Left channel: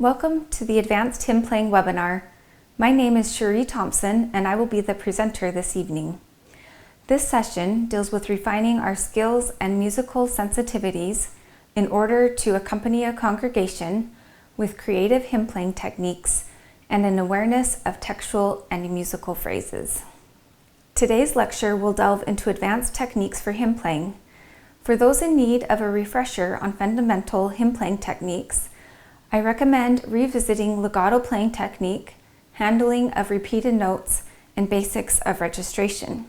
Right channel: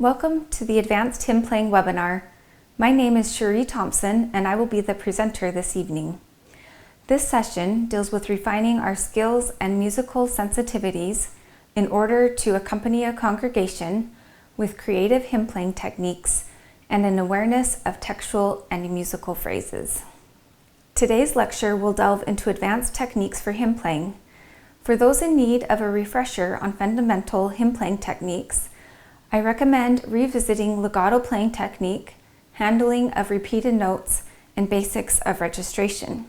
Welcome to the Advanced Hymn Playing webinar. My name is Cherie Thompson and I will be the presenter this evening. This session deals with refining our skills and musical sensitivities in order to accompany a congregation with creative hymn playing techniques and an awareness of textual and musical phrases. Today's lecture will delve into advanced techniques for hymn playing. For those in need of a refresher on fundamental hymn playing techniques, I recommend revisiting legato playing technique, handling of repeated notes, and basics of registration.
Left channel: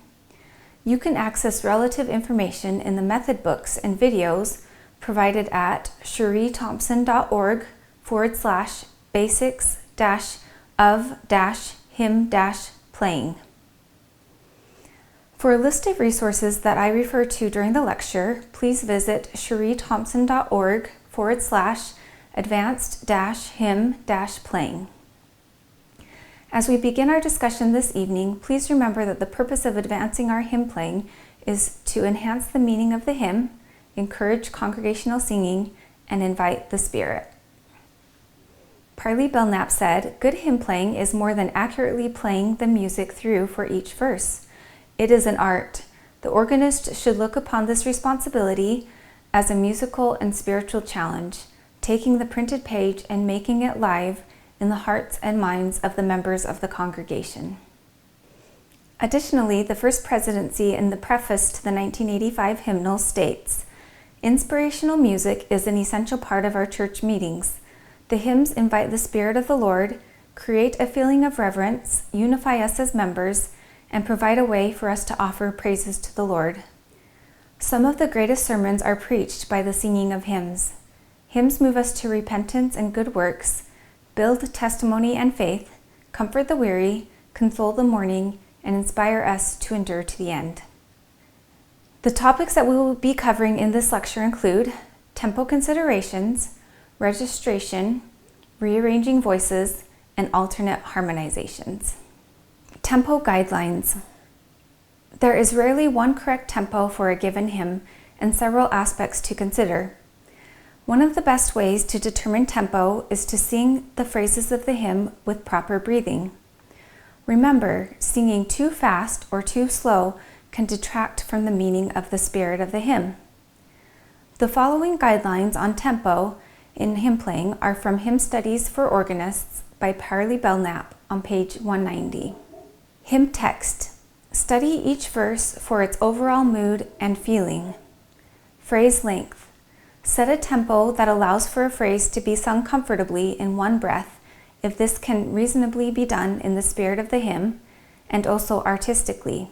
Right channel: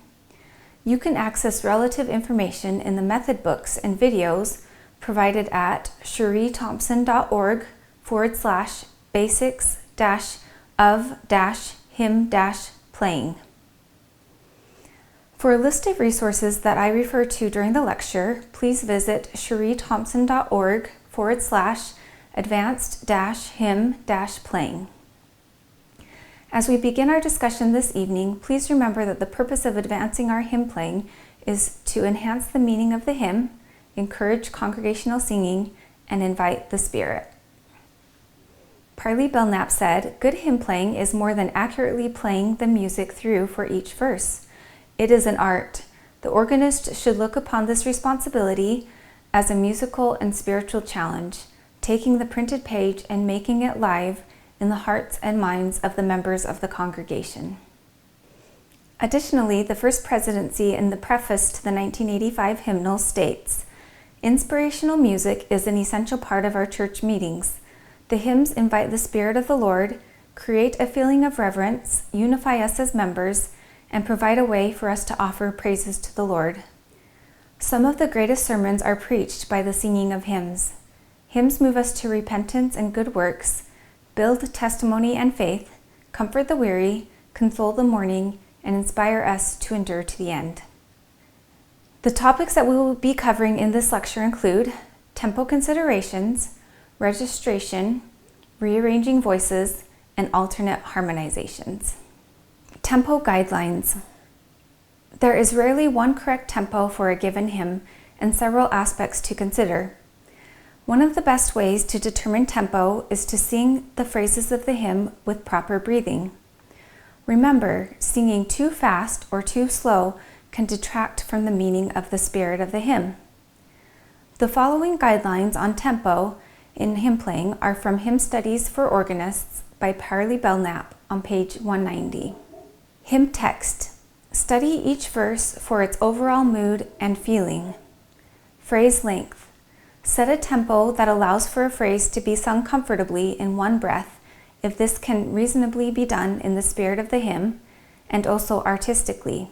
You can access relative information in the method books and videos provided at cherieThompson.org/basics-of-hymn-playing. For a list of resources that I refer to during the lecture, please visit cherieThompson.org/advanced-hymn-playing. As we begin our discussion this evening, please remember that the purpose of advancing our hymn playing is to enhance the meaning of the hymn, encourage congregational singing, and invite the Spirit. Parley Belknap said, "Good hymn playing is more than accurately playing the music through for each verse. It is an art. The organist should look upon this responsibility as a musical and spiritual challenge, taking the printed page and making it live in the hearts and minds of the members of the congregation." Additionally, the First Presidency in the preface to the 1985 hymnal states, "Inspirational music is an essential part of our church meetings. The hymns invite the Spirit of the Lord, create a feeling of reverence, unify us as members, and provide a way for us to offer praises to the Lord. Some of the greatest sermons are preached by the singing of hymns. Hymns move us to repentance and good works, build testimony and faith, comfort the weary, console the mourning, and inspire us to endure to the end." The topics that we will be covering in this lecture include tempo considerations, registration, rearranging voices, and alternate harmonizations. Tempo guidelines. There is rarely one correct tempo for a given hymn and several aspects to consider. One of the best ways to determine tempo is to sing the phrases of the hymn with proper breathing. Remember, singing too fast or too slow can detract from the meaning of the spirit of the hymn. The following guidelines on tempo in hymn playing are from Hymn Studies for Organists by Parley Belknap on page 190. Hymn text. Study each verse for its overall mood and feeling. Phrase length. Set a tempo that allows for a phrase to be sung comfortably in one breath, if this can reasonably be done in the spirit of the hymn, and also artistically.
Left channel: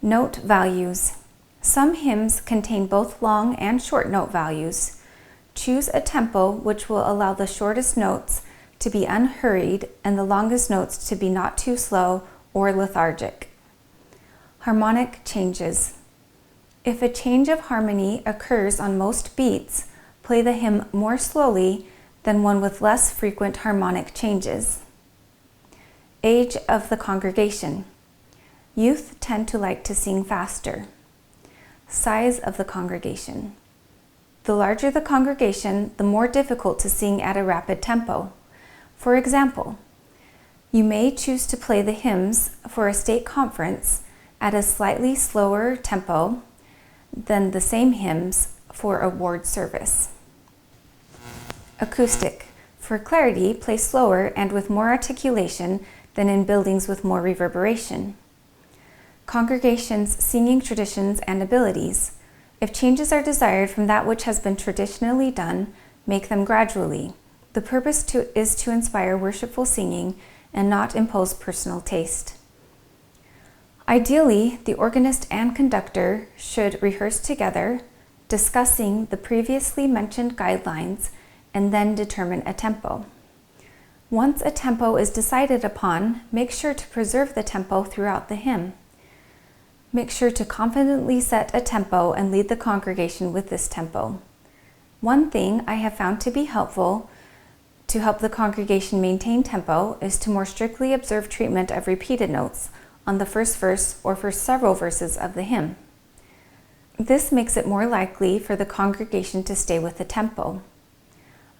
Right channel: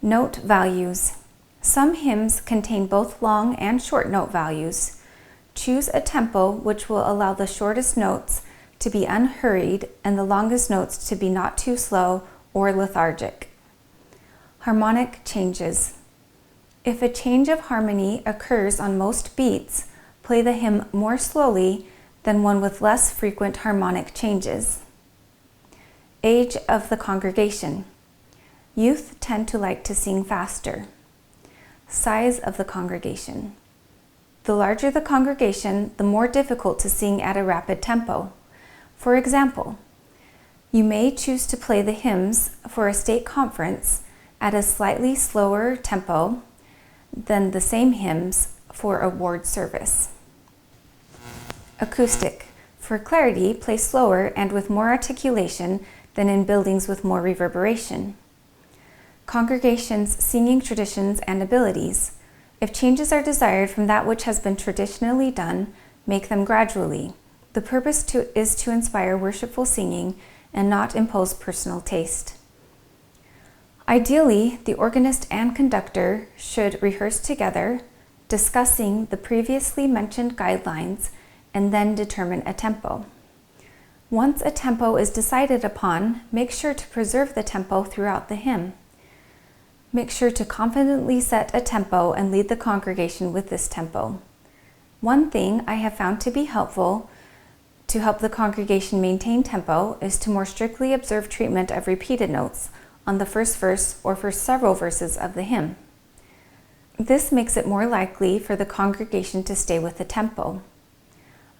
Note values. Some hymns contain both long and short note values. Choose a tempo which will allow the shortest notes to be unhurried and the longest notes to be not too slow or lethargic. Harmonic changes. If a change of harmony occurs on most beats, play the hymn more slowly than one with less frequent harmonic changes. Age of the congregation. Youth tend to like to sing faster. Size of the congregation. The larger the congregation, the more difficult to sing at a rapid tempo. For example, you may choose to play the hymns for a stake conference at a slightly slower tempo than the same hymns for a ward service. Acoustic. For clarity, play slower and with more articulation than in buildings with more reverberation. Congregations' singing traditions and abilities. If changes are desired from that which has been traditionally done, make them gradually. The purpose is to inspire worshipful singing and not impose personal taste. Ideally, the organist and conductor should rehearse together, discussing the previously mentioned guidelines, and then determine a tempo. Once a tempo is decided upon, make sure to preserve the tempo throughout the hymn. Make sure to confidently set a tempo and lead the congregation with this tempo. One thing I have found to be helpful to help the congregation maintain tempo is to more strictly observe treatment of repeated notes on the first verse or for several verses of the hymn. This makes it more likely for the congregation to stay with the tempo.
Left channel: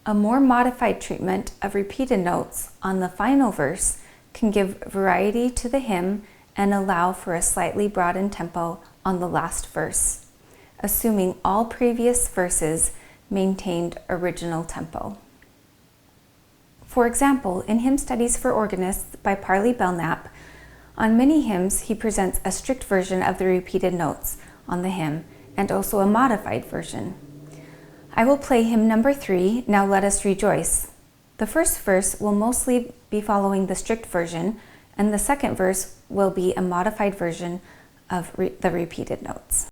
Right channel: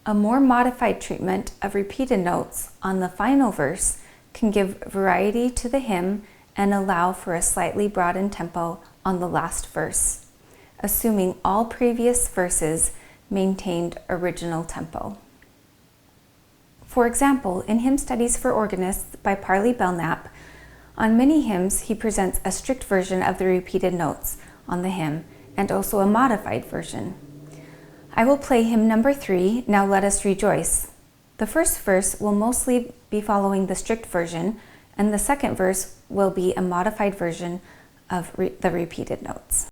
A more modified treatment of repeated notes on the final verse can give variety to the hymn and allow for a slightly broadened tempo on the last verse, assuming all previous verses maintained original tempo. For example, in Hymn Studies for Organists by Parley Belknap, on many hymns he presents a strict version of the repeated notes on the hymn and also a modified version. I will play hymn number 3, Now Let Us Rejoice. The first verse will mostly be following the strict version, and the second verse will be a modified version of the repeated notes.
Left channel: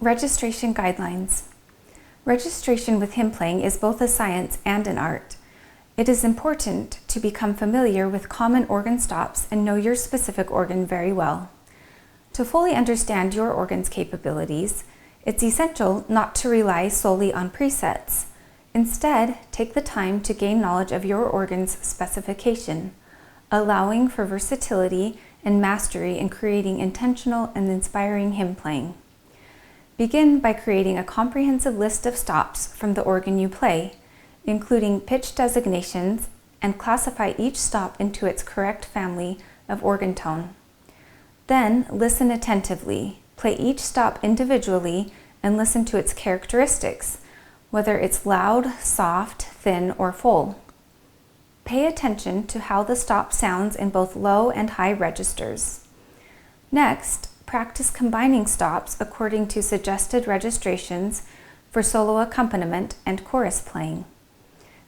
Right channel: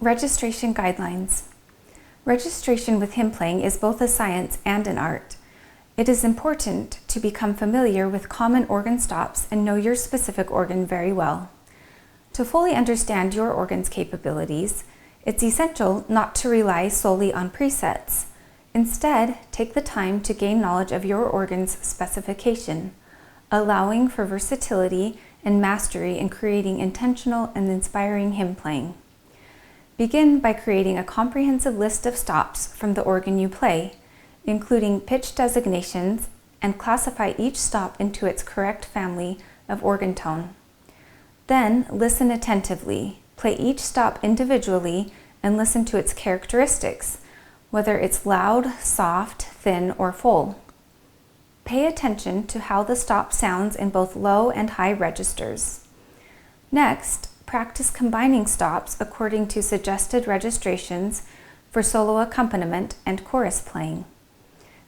Registration guidelines. Registration with hymn playing is both a science and an art. It is important to become familiar with common organ stops and know your specific organ very well. To fully understand your organ's capabilities, it's essential not to rely solely on presets. Instead, take the time to gain knowledge of your organ's specification, allowing for versatility and mastery in creating intentional and inspiring hymn playing. Begin by creating a comprehensive list of stops from the organ you play, including pitch designations, and classify each stop into its correct family of organ tone. Then listen attentively, play each stop individually, and listen to its characteristics, whether it's loud, soft, thin, or full. Pay attention to how the stop sounds in both low and high registers. Next, practice combining stops according to suggested registrations for solo accompaniment and chorus playing.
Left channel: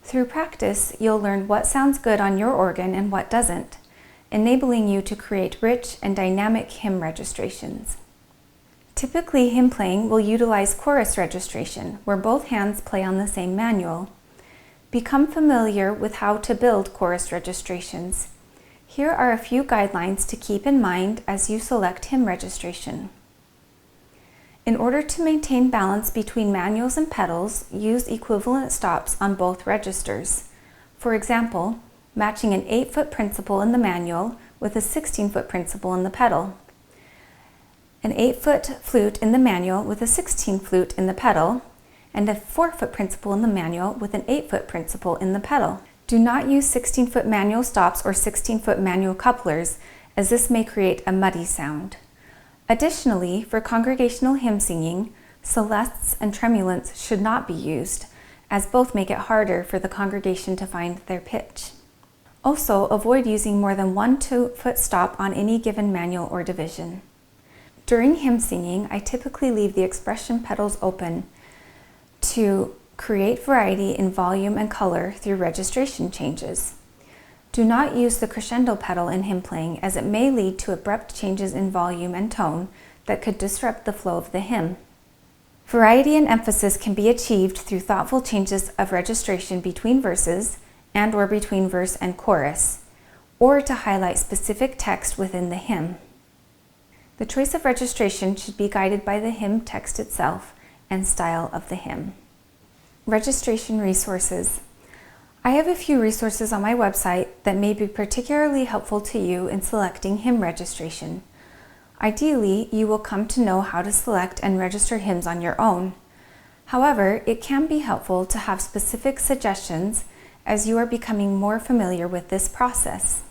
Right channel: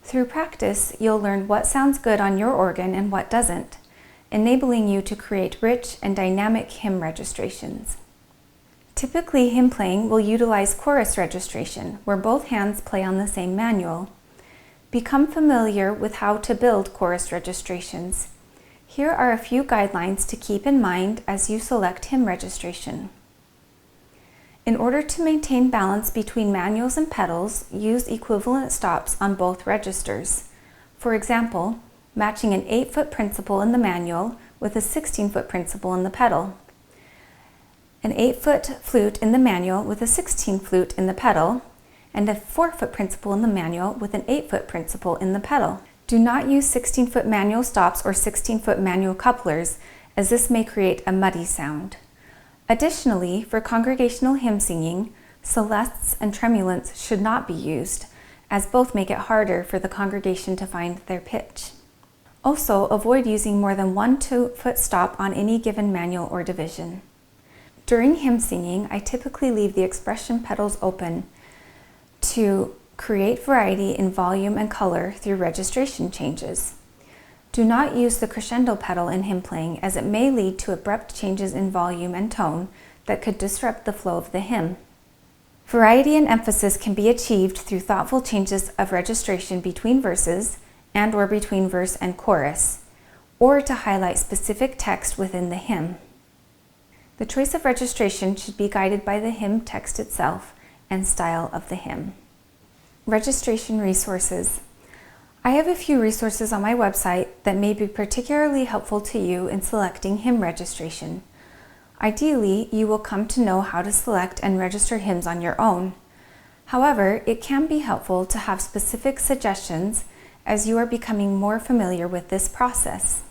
Through practice, you'll learn what sounds good on your organ and what doesn't, enabling you to create rich and dynamic hymn registrations. Typically, hymn playing will utilize chorus registration, where both hands play on the same manual. Become familiar with how to build chorus registrations. Here are a few guidelines to keep in mind as you select hymn registration. In order to maintain balance between manuals and pedals, use equivalent stops on both registers. For example, matching an 8-foot principal in the manual with a 16-foot principal in the pedal. An 8-foot flute in the manual with a 16 flute in the pedal, and a 4-foot principal in the manual with an 8-foot principal in the pedal. Do not use 16-foot manual stops or 16-foot manual couplers, as this may create a muddy sound. Additionally, for congregational hymn singing, celestes and tremulants should not be used, as both make it harder for the congregation to find their pitch. Also, avoid using more than one 2-foot stop on any given manual or division. During hymn singing, I typically leave the expression pedals open to create variety in volume and color through registration changes. Do not use the crescendo pedal in hymn playing, as it may lead to abrupt changes in volume and tone that could disrupt the flow of the hymn. Variety and emphasis can be achieved through thoughtful changes of registration between verses, and/or between verse and chorus, or to highlight specific text within the hymn. The choice of registration should be guided by the hymn text itself and style of the hymn. Registration resources. I have a few resources on my website that may be particularly helpful to you in selecting hymn registration. Ideally, you will come to know how to select and register hymns on your own. However, it can be helpful to have specific suggestions as you are becoming more familiar with this process.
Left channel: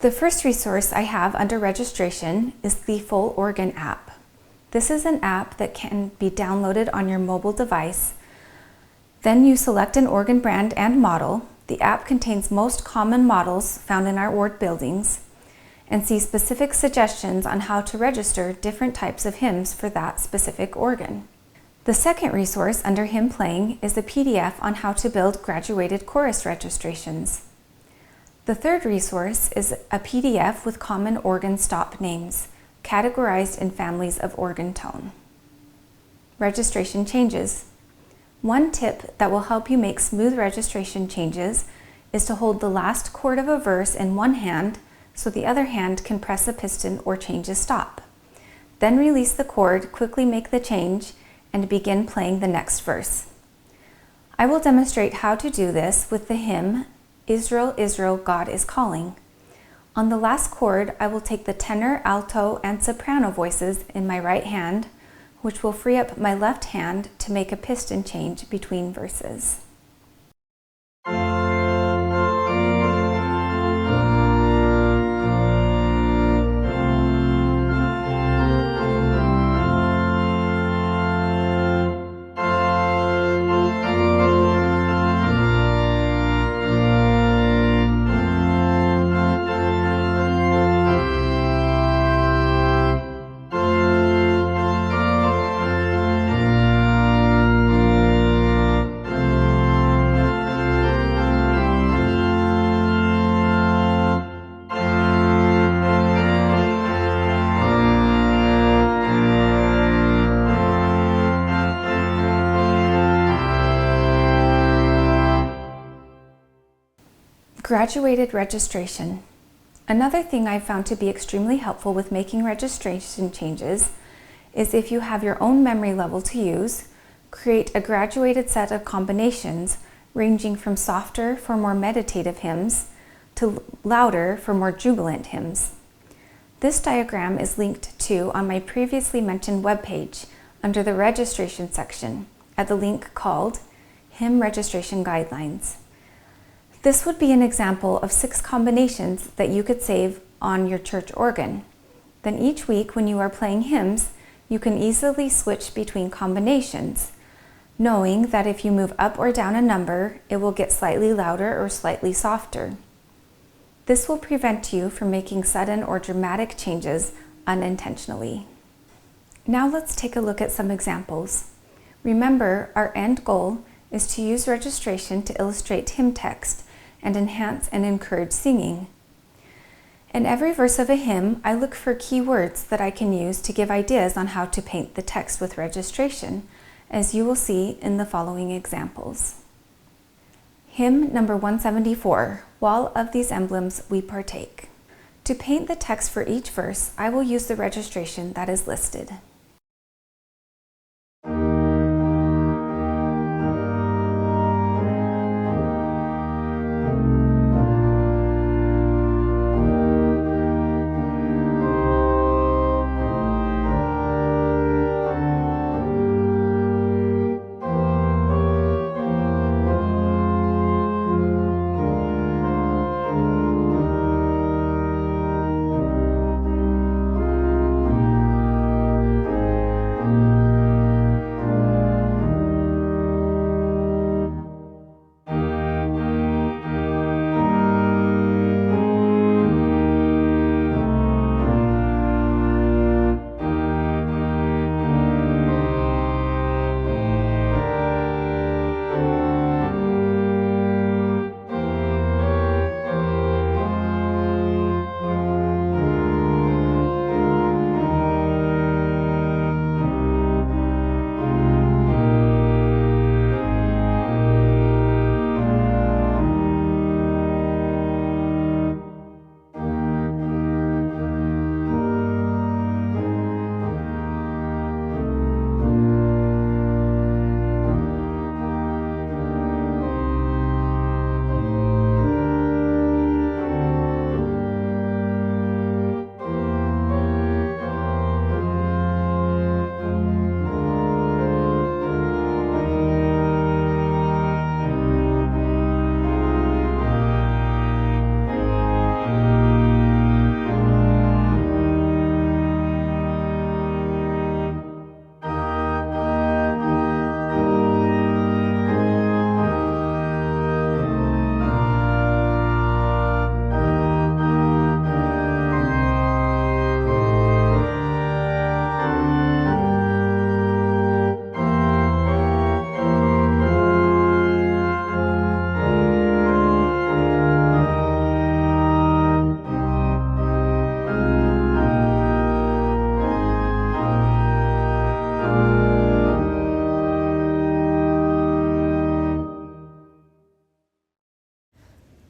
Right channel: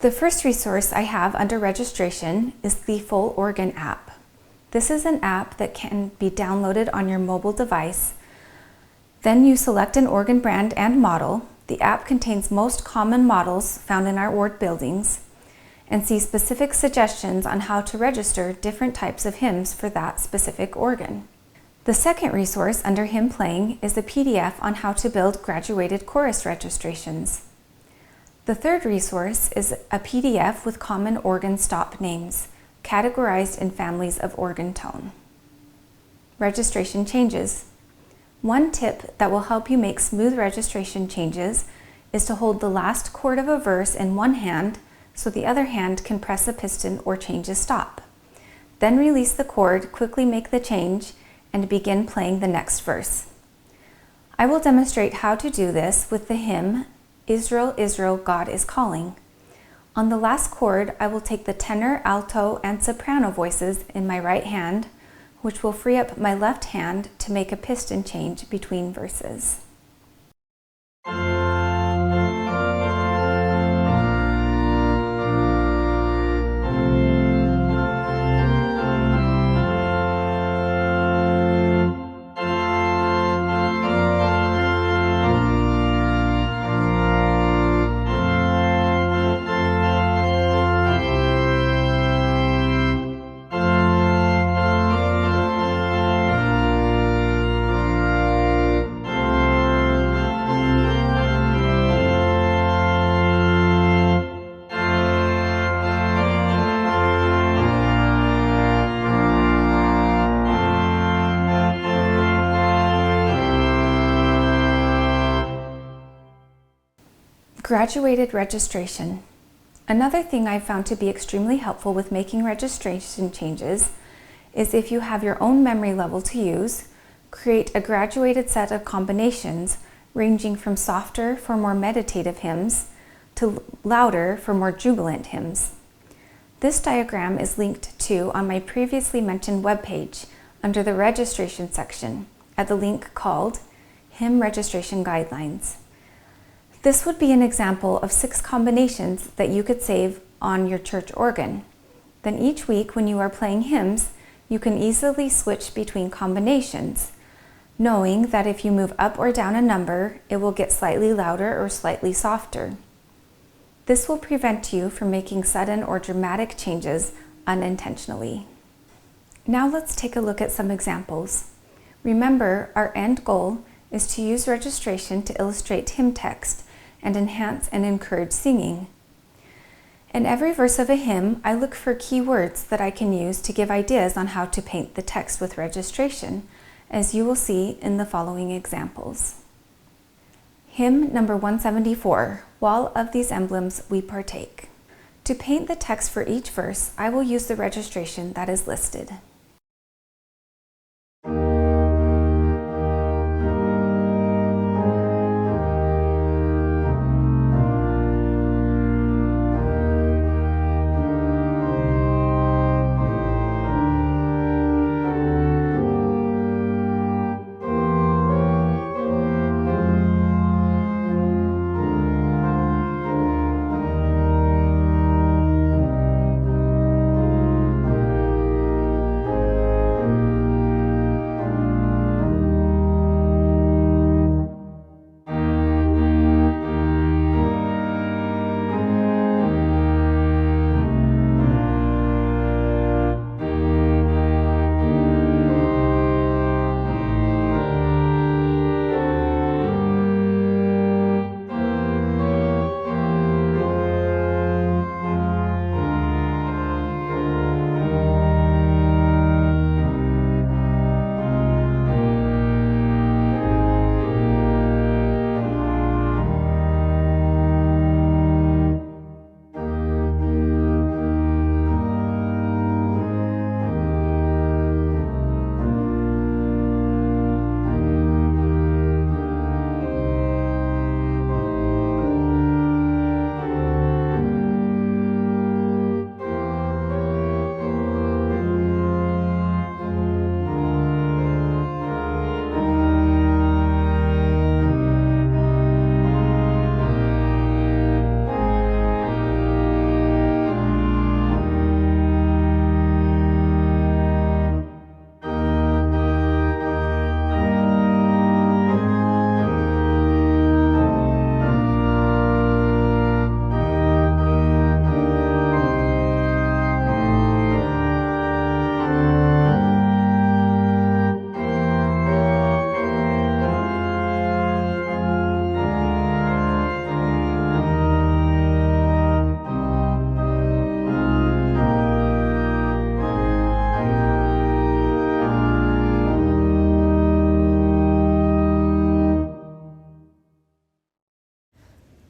The first resource I have under registration is the Full Organ app. This is an app that can be downloaded on your mobile device. Then you select an organ brand and model. The app contains most common models found in our ward buildings and see specific suggestions on how to register different types of hymns for that specific organ. The second resource under hymn playing is a PDF on how to build graduated chorus registrations. The third resource is a PDF with common organ stop names, categorized in families of organ tone. Registration changes. One tip that will help you make smooth registration changes is to hold the last chord of a verse in one hand so the other hand can press a piston or change a stop. Then release the chord, quickly make the change, and begin playing the next verse. I will demonstrate how to do this with the hymn, Israel, Israel, God is Calling. On the last chord, I will take the tenor, alto, and soprano voices in my right hand, which will free up my left hand to make a piston change between verses. Graduated registration. Another thing I've found to be extremely helpful with making registration changes is if you have your own memory level to use, create a graduated set of combinations ranging from softer for more meditative hymns to louder for more jubilant hymns. This diagram is linked to on my previously mentioned webpage under the registration section at the link called Hymn Registration Guidelines. This would be an example of 6 combinations that you could save on your church organ. Then each week when you are playing hymns, you can easily switch between combinations, knowing that if you move up or down a number, it will get slightly louder or slightly softer. This will prevent you from making sudden or dramatic changes unintentionally. Now let's take a look at some examples. Remember, our end goal is to use registration to illustrate hymn text and enhance and encourage singing. In every verse of a hymn, I look for key words that I can use to give ideas on how to paint the text with registration, as you will see in the following examples. Hymn number 174, While of these emblems we partake. To paint the text for each verse, I will use the registration that is listed.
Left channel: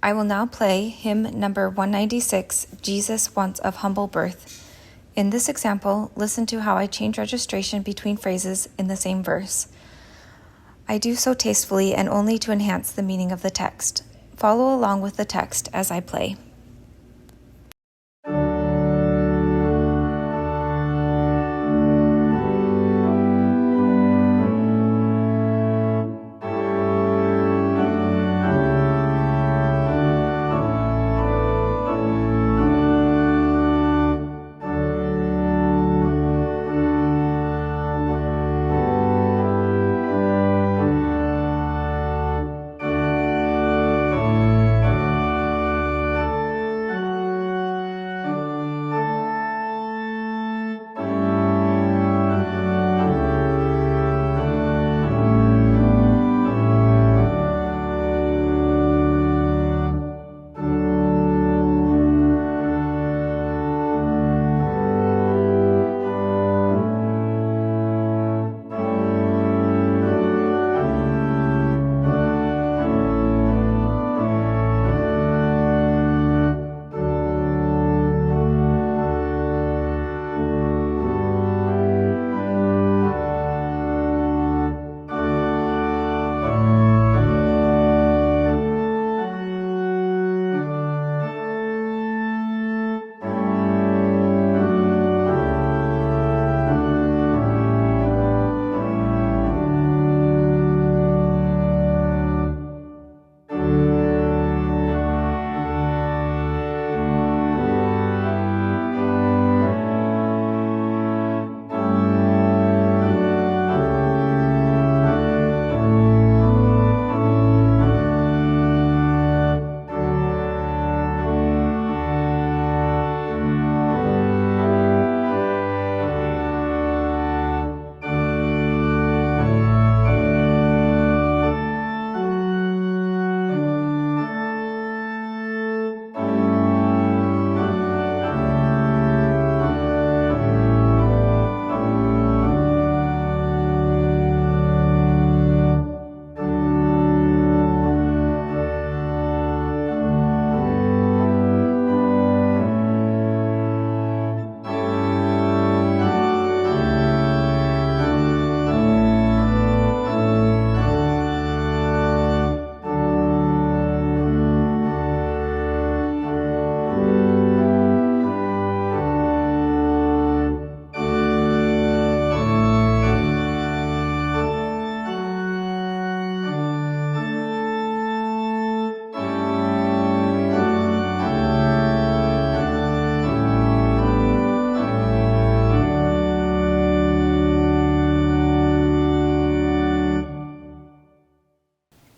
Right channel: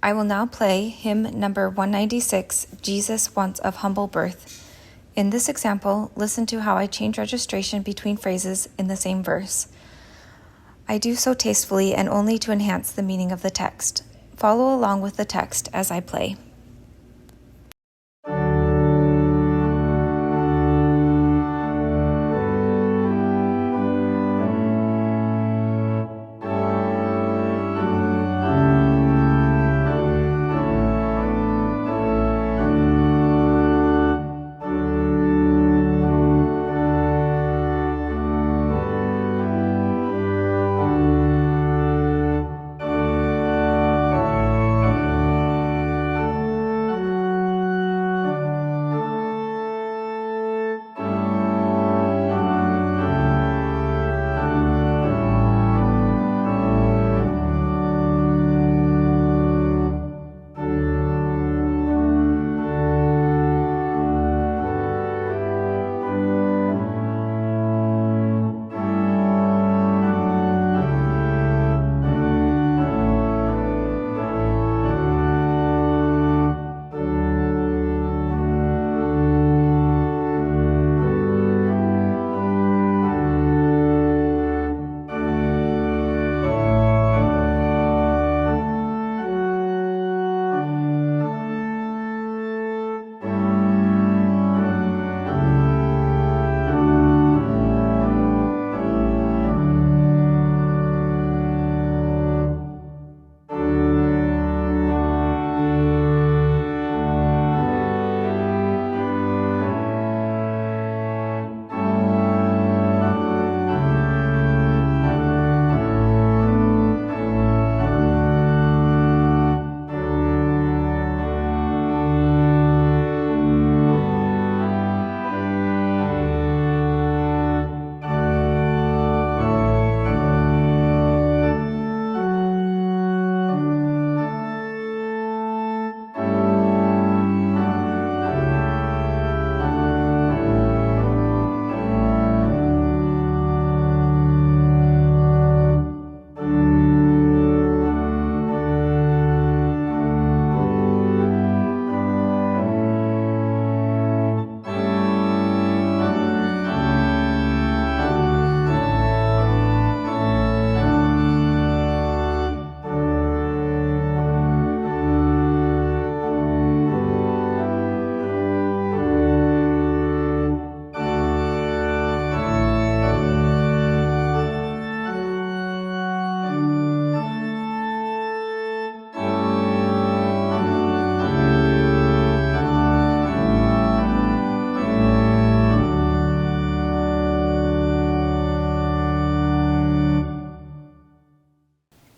I will now play hymn number 196, Jesus Once of Humble Birth. In this example, listen to how I change registration between phrases in the same verse. I do so tastefully and only to enhance the meaning of the text. Follow along with the text as I play.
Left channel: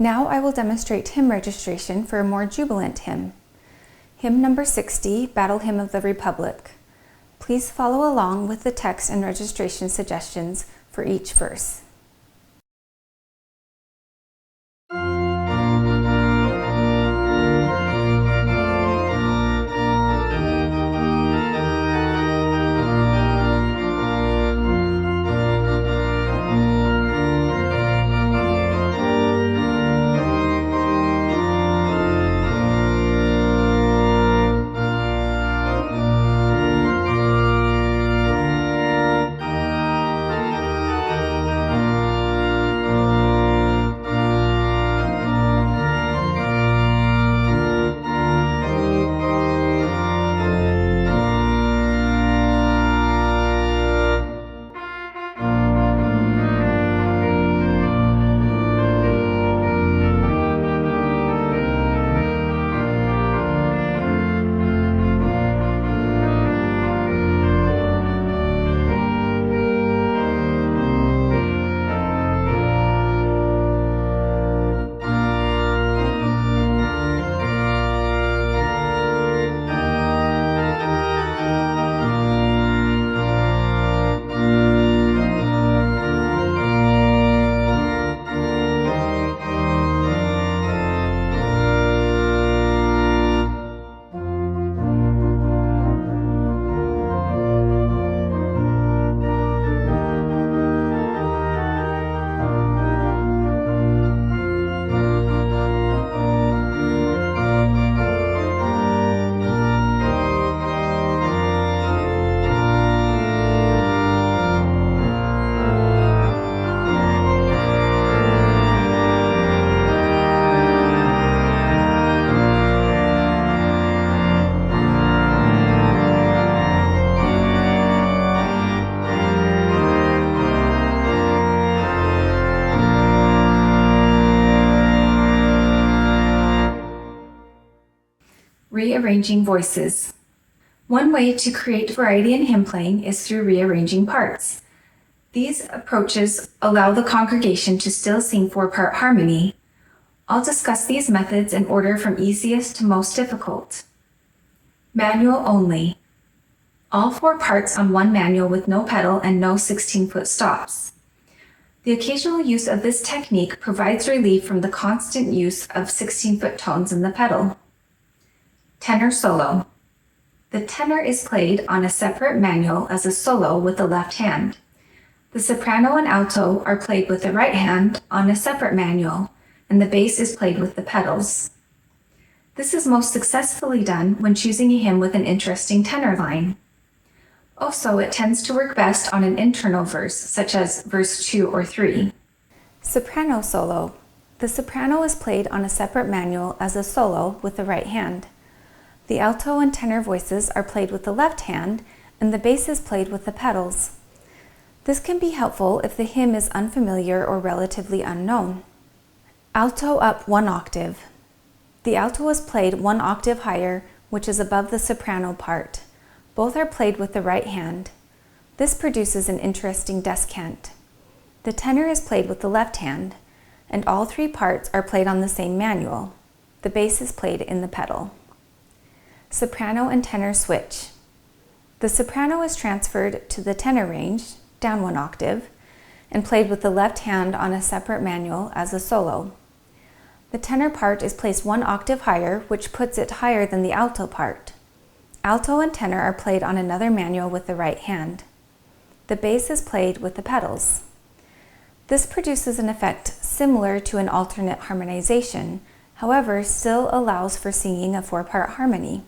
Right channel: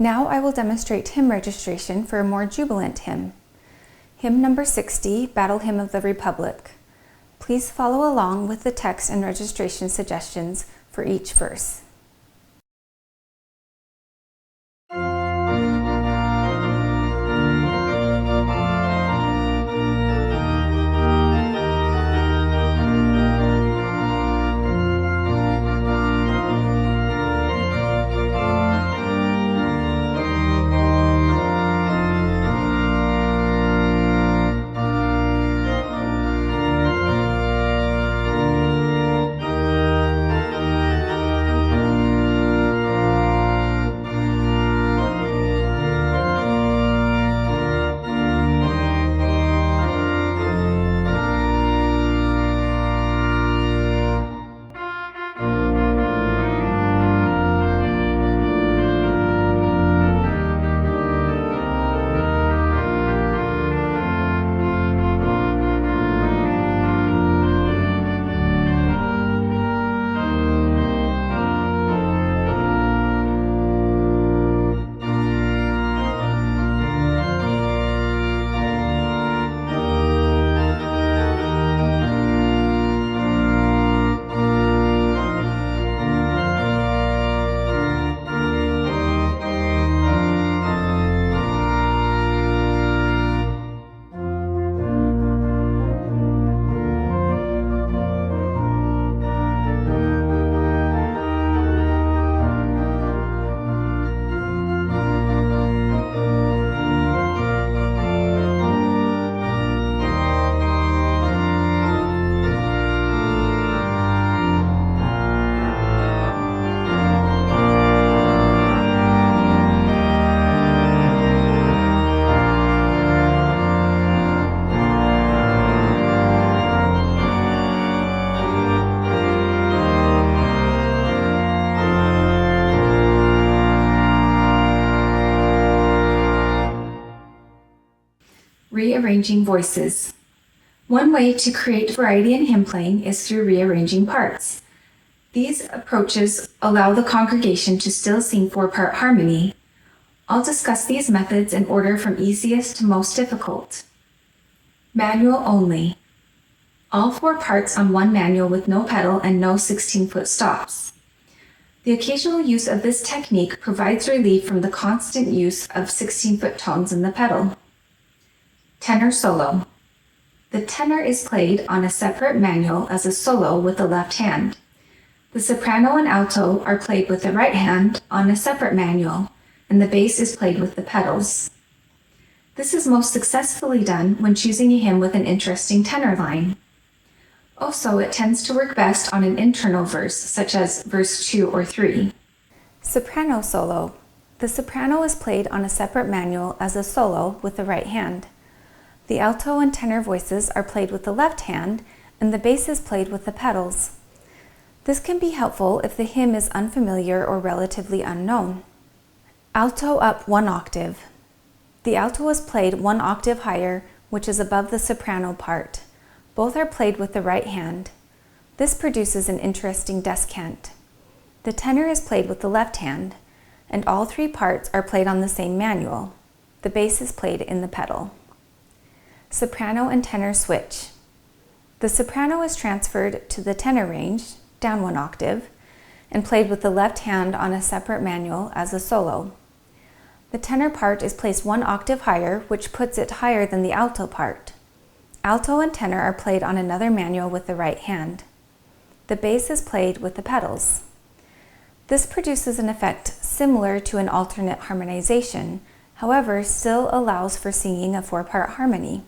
Now I will demonstrate hymn registration for a more jubilant hymn. Hymn number 60, Battle Hymn of the Republic. Please follow along with the text and registration suggestions for each verse. rearranging voices. One way to create variety in hymn playing is through rearranging parts. These approaches allow the congregation to still sing four-part harmony. I'll discuss these methods in order from easiest to most difficult. Manual only. All four parts on one manual with no pedal and no 16-foot stops. The occasional use of this technique provides relief from the constant use of 16-foot tones in the pedal. Tenor solo. The tenor is played on a separate manual as a solo with the left hand. The soprano and alto are played with the right hand on a separate manual, and the bass is played with the pedals. This is most successfully done when choosing a hymn with an interesting tenor line. Also, it tends to work best on an internal verse, such as verse 2 or 3. Soprano solo. The soprano is played on a separate manual as a solo with the right hand. The alto and tenor voices are played with the left hand, and the bass is played with the pedals. This can be helpful if the hymn is unfamiliar or relatively unknown. Alto up 1 octave. The alto is played 1 octave higher, which is above the soprano part. Both are played with the right hand. This produces an interesting descant. The tenor is played with the left hand, and all three parts are played on the same manual. The bass is played in the pedal. Soprano and tenor switch. The soprano is transferred to the tenor range, down 1 octave, and played with the left hand on a separate manual as a solo. The tenor part is placed 1 octave higher, which puts it higher than the alto part. Alto and tenor are played on another manual with the right hand. The bass is played with the pedals. This produces an effect similar to an alternate harmonization, however, still allows for singing a four-part harmony.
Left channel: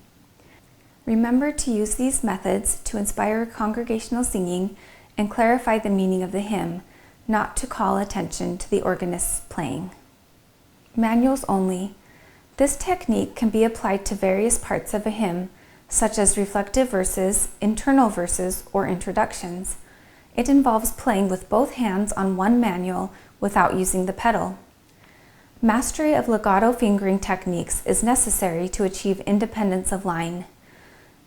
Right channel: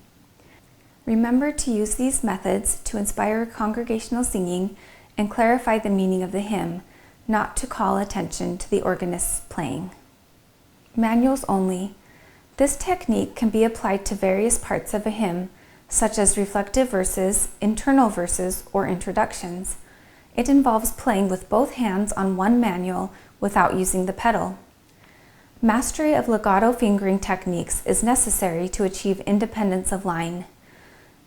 Remember to use these methods to inspire congregational singing and clarify the meaning of the hymn, not to call attention to the organist's playing. Manuals only. This technique can be applied to various parts of a hymn, such as reflective verses, internal verses, or introductions. It involves playing with both hands on one manual without using the pedal. Mastery of legato fingering techniques is necessary to achieve independence of line.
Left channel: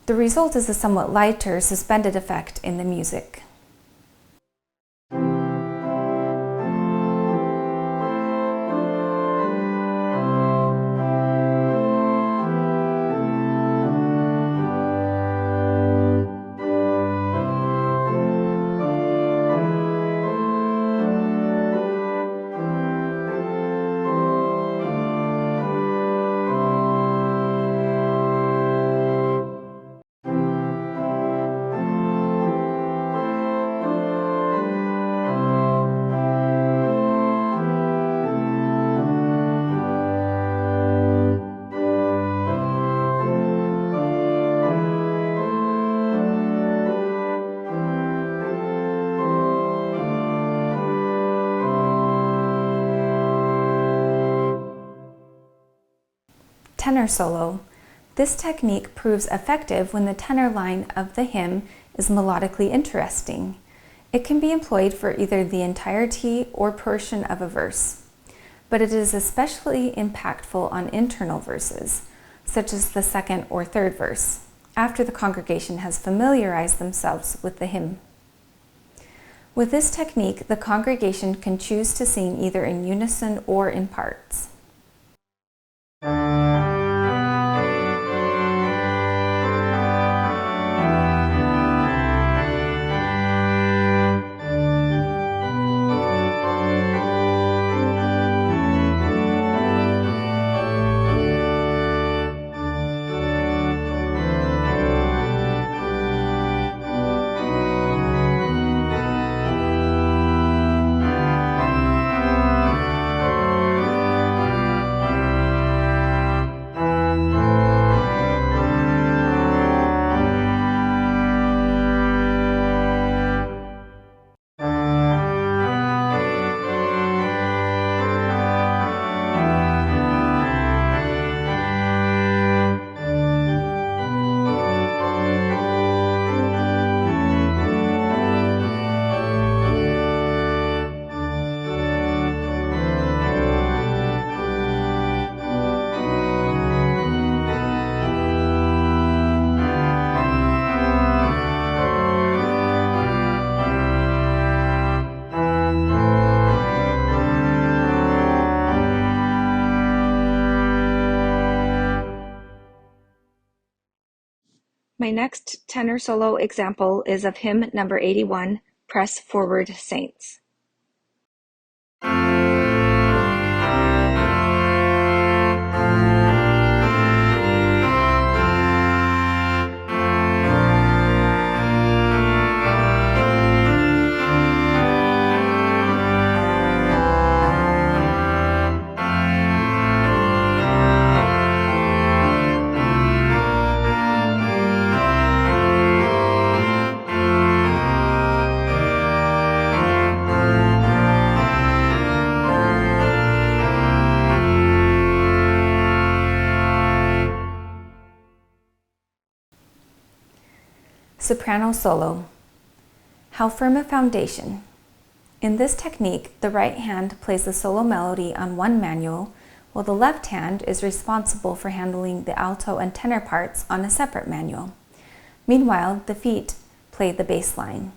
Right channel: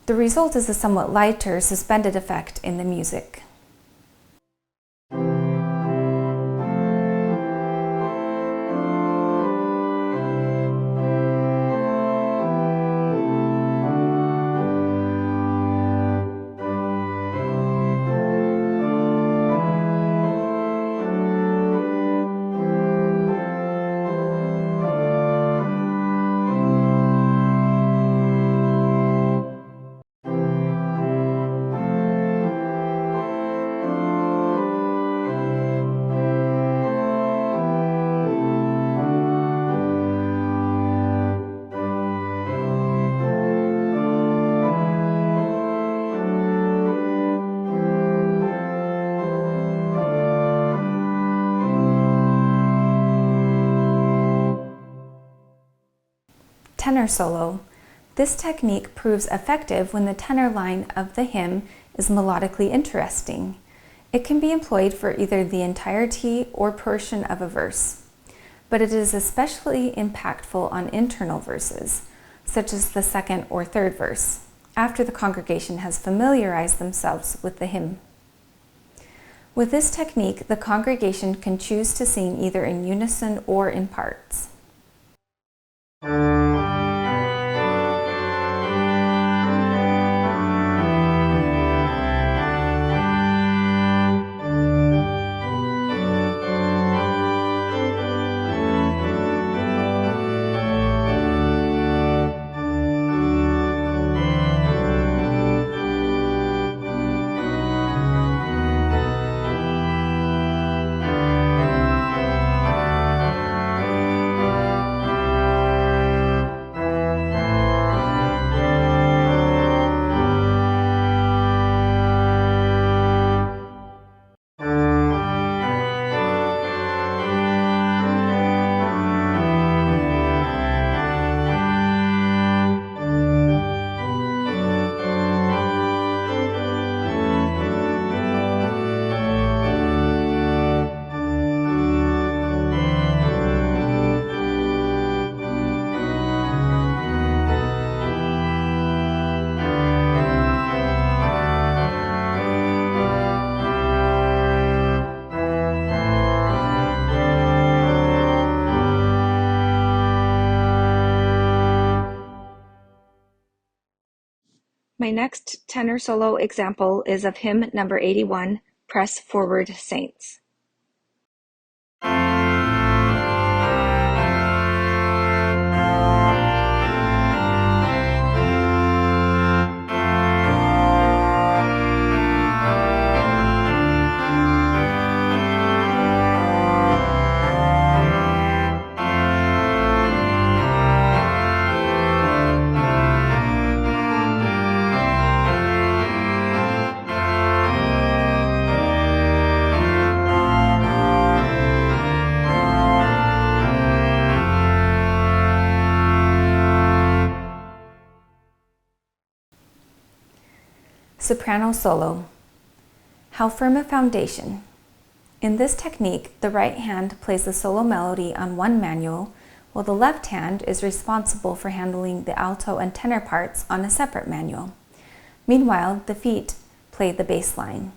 The result is a somewhat lighter, suspended effect in the music. Tenor solo. This technique proves effective when the tenor line of the hymn is melodically interesting. It can be employed for either the entirety or portion of a verse, but it is especially impactful on internal verses, such as the second or third verse, after the congregation has familiarized themselves with the hymn. With this technique, the congregation can choose to sing either in unison or in parts. My next tenor solo example is of hymn number 81, Press Forward, Saints. Soprano solo. How firm a foundation. In this technique, the right hand plays the solo melody on one manual, while the left hand is responsible for handling the alto and tenor parts on a separate manual. Meanwhile, the feet play the bass line.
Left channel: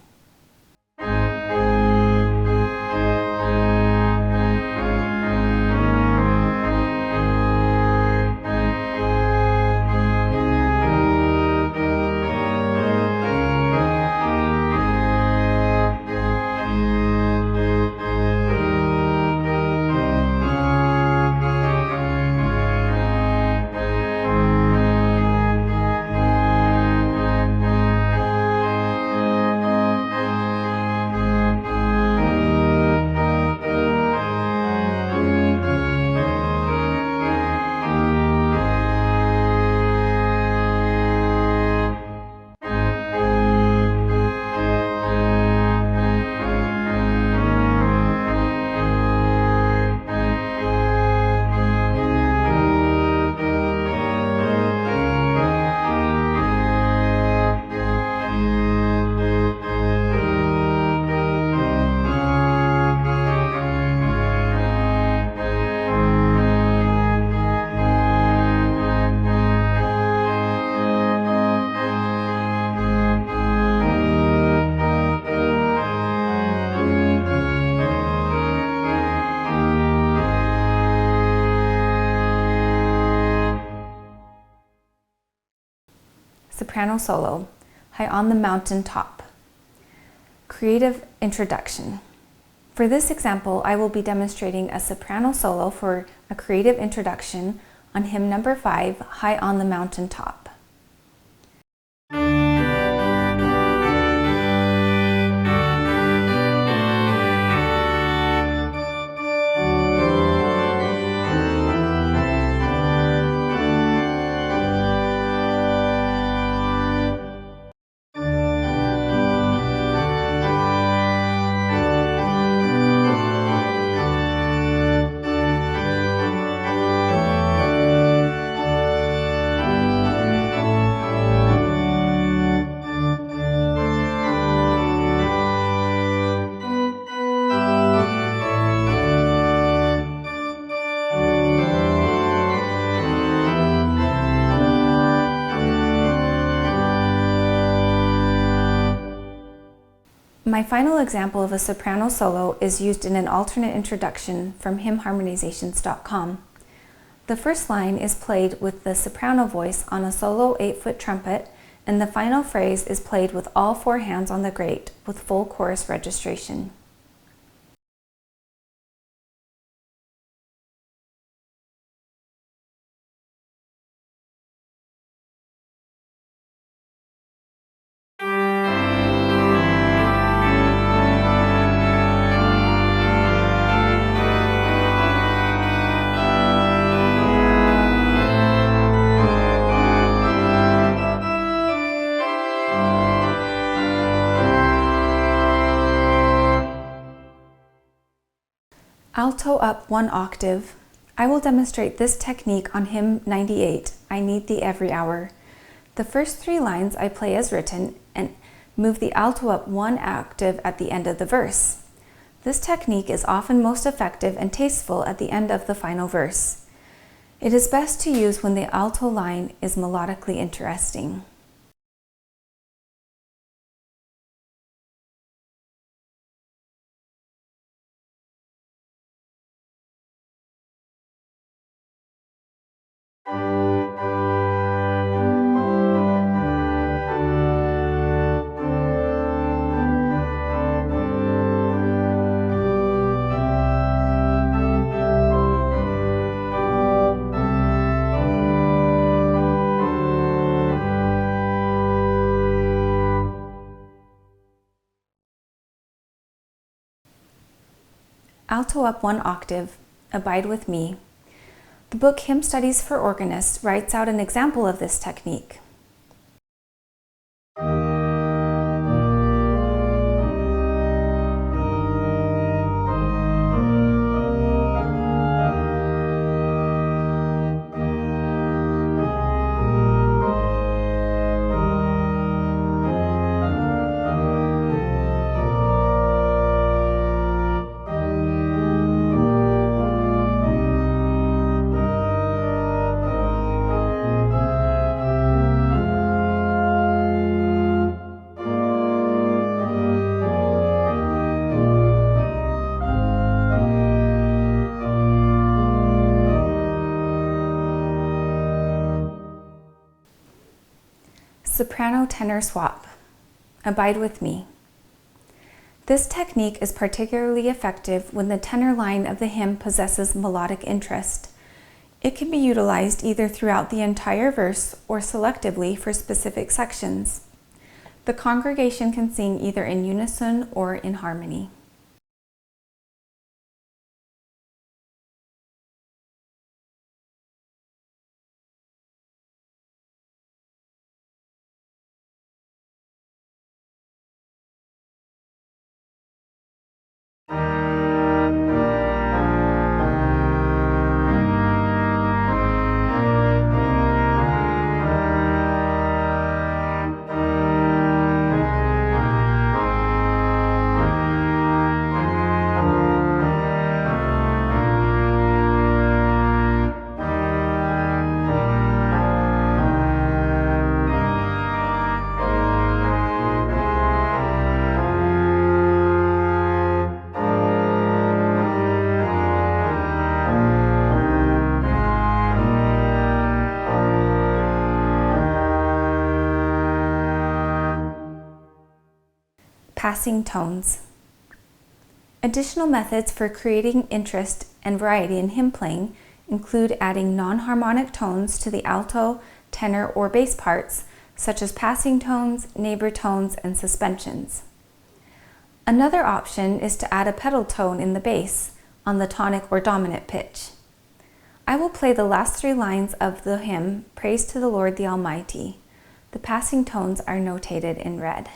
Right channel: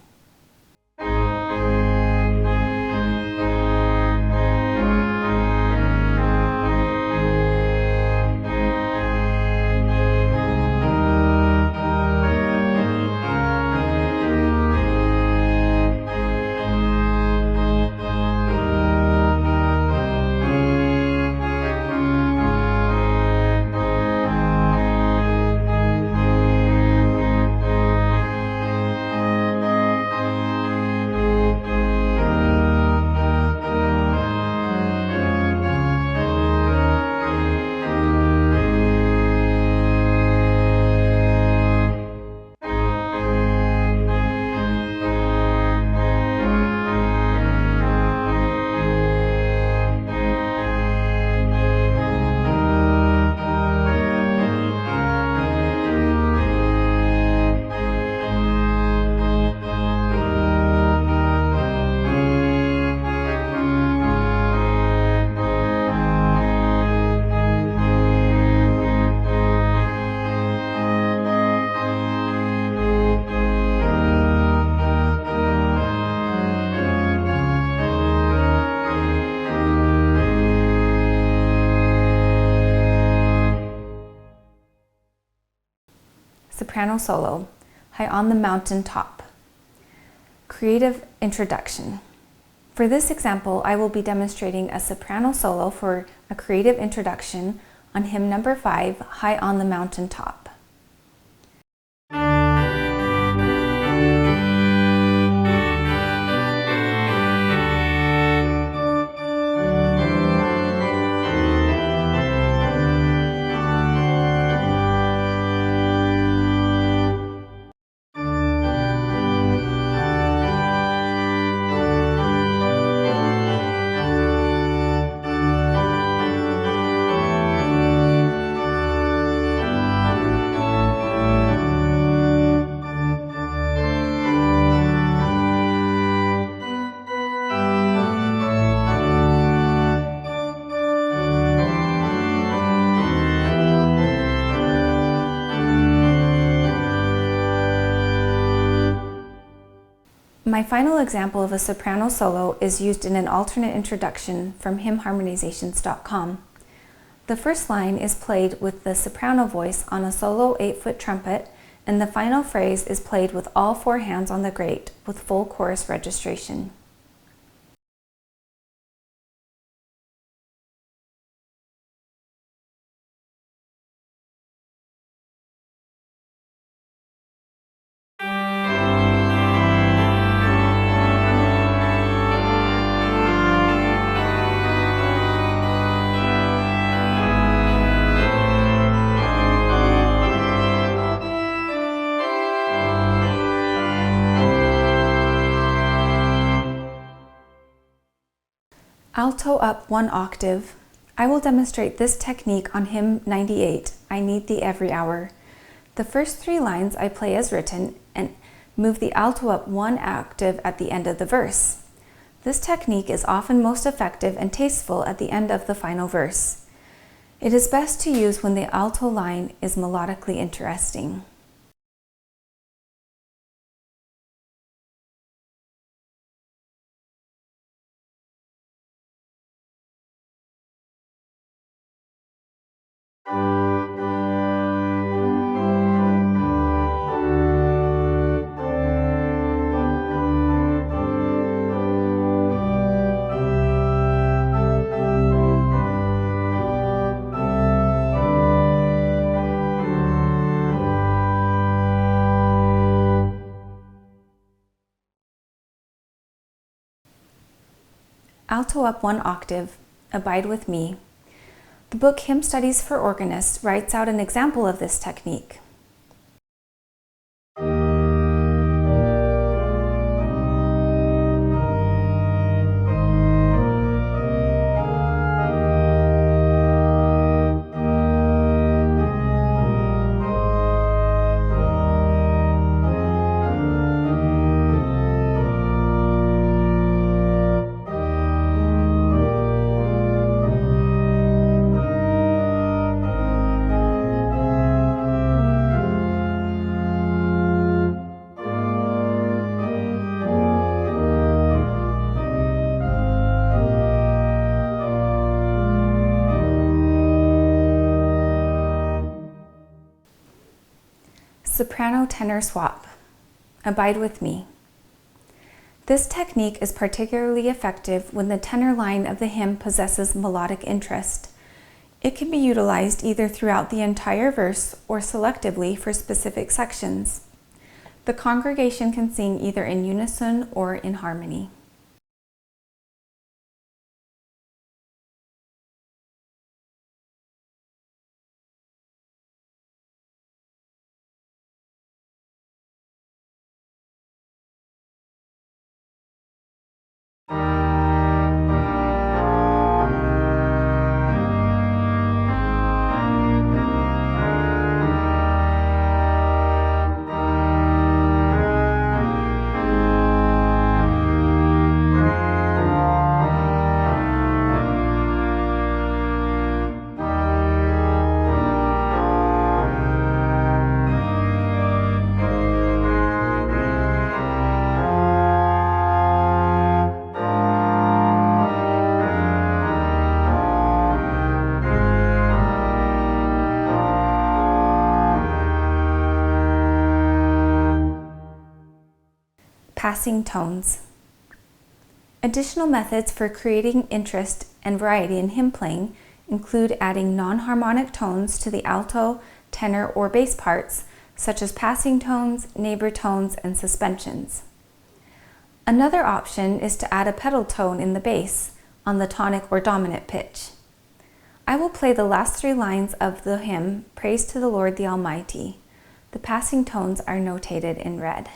Soprano solo, High on the Mountain Top. Creative introduction. For this example, I will be demonstrating a soprano solo for a creative introduction on hymn number 5, High on the Mountain Top. My final example of a soprano solo is used in an alternate introduction from hymnharmonizations.com. The first line is played with the soprano voice on a solo 8-foot trumpet, and the final phrase is played with all 4 hands on the grate with full chorus registration. Alto up 1 octave. I will demonstrate this technique on hymn 98, I Need Thee Every Hour. The first 3 lines I play as written and move the alto up 1 octave at the end of the verse. This technique is often most effective and tasteful at the end of the final verse. It is best to use when the alto line is melodically interesting. Alto up 1 octave, Abide with Me. The book Hymn Studies for Organists writes out an example of this technique. Soprano-tenor swap. Abide with Me. This technique is particularly effective when the tenor line of the hymn possesses melodic interest. It can be utilized either throughout the entire verse or selectively for specific sections. The congregation can sing either in unison or in harmony. Passing tones. Additional methods for creating interest and variety in hymn playing include adding non-harmonic tones to the alto, tenor, or bass parts, such as passing tones, neighbor tones, and suspensions. Another option is to add a pedal tone in the bass on the tonic or dominant pitch. I will play the last 3 lines of the hymn, Praise to the Lord the Almighty. The passing tones are notated in red.